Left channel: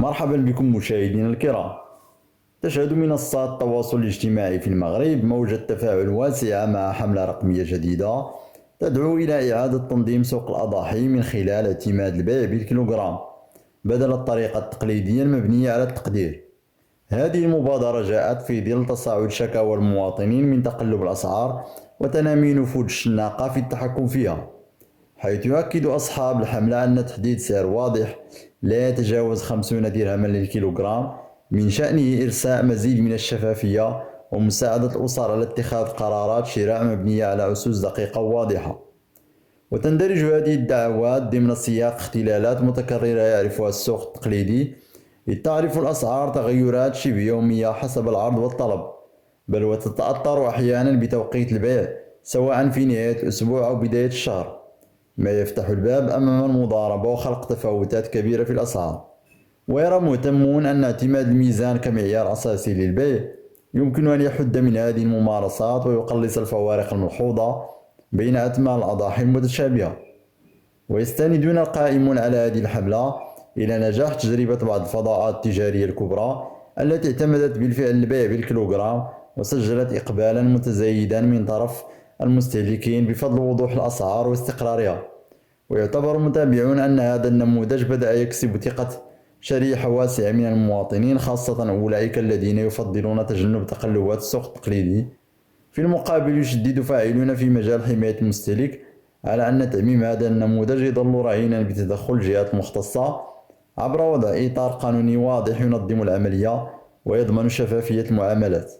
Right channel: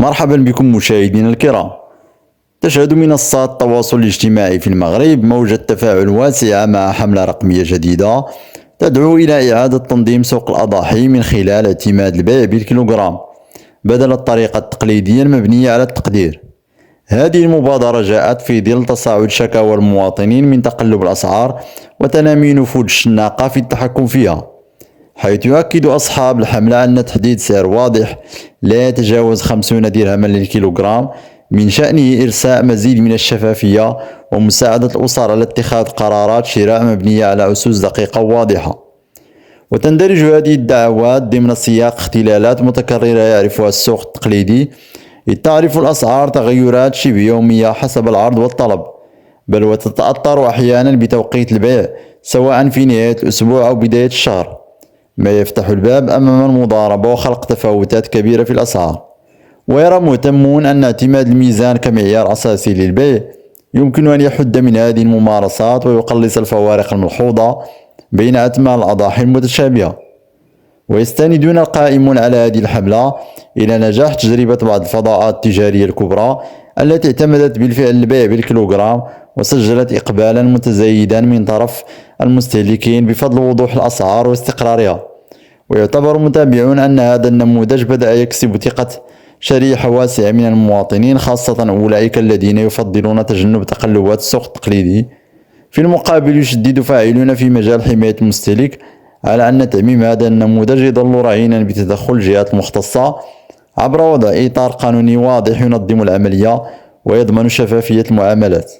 مرحبا بكم مشاهدينا الكرام. تشهد منصات التواصل الاجتماعي في المغرب موجة تفاعل واسعة مع حملة رقمية جديدة تدعو إلى إعادة تنظيم سوق الأضاحي من خلال اعتماد البيع بالكيلوغرام بدل الطريقة التقليدية المبنية على التقدير. هذه المبادرة جاءت في ظل تصاعد شكاوى المواطنين من تقلب الأسعار وتنامي نفوذ الشناقة في التحكم فيها، حيث يؤكد أصحاب الحملة أن تحديد سعر واضح لا يتجاوز 50 درهما للكيلوغرام من شأنه إرساء مزيد من الشفافية ومساعدة الأسر على اتخاذ قرارات شراء مبنية على أسس دقيقة وواضحة. وتندرج هذه الدعوات ضمن سياق اختلالات متكررة يعرفها السوق التقليدي، إذ تعرف الأسعار تغيرات شبه يومية حسب العرض والطلب، بل وتتأثر أحيانا بتوقيت البيع سواء في نهاية الأسبوع أو بداية الشهر، ما يفتح الباب أمام المضاربة وخلق تفاوتات كبيرة في الأسعار. ويرى مهتمون أن اعتماد الميزان كمعيار أساسي للبيع يمكن أن يحد من هذه الممارسات ويقلص الفوارق الملحوظة بين أثمان الأضاحي المتشابهة. ويستندون القائمون على هذه الحملة إلى نجاح تجربة بعض الفضاءات التجارية الكبرى التي اعتمدت بالفعل البيع بالكيلوغرام وسجلت إقبالا متزايدا من طرف المستهلكين بفضل وضوح الأسعار واستقرارها. ويعتبر متابعون أن هذا النموذج بدأ يكسب ثقة شريحة واسعة من المواطنين، خاصة أولئك الذين يفضلون تجنب تقلبات السوق التقليدي. في المقابل يشدد فاعلون في مجال حماية المستهلك على أن تعميم هذا النموذج يظل رهينا بتدخل الجهات المختصة عبر وضع إطار قانوني واضح ينظم العملية ويضمن شفافية المعاملات.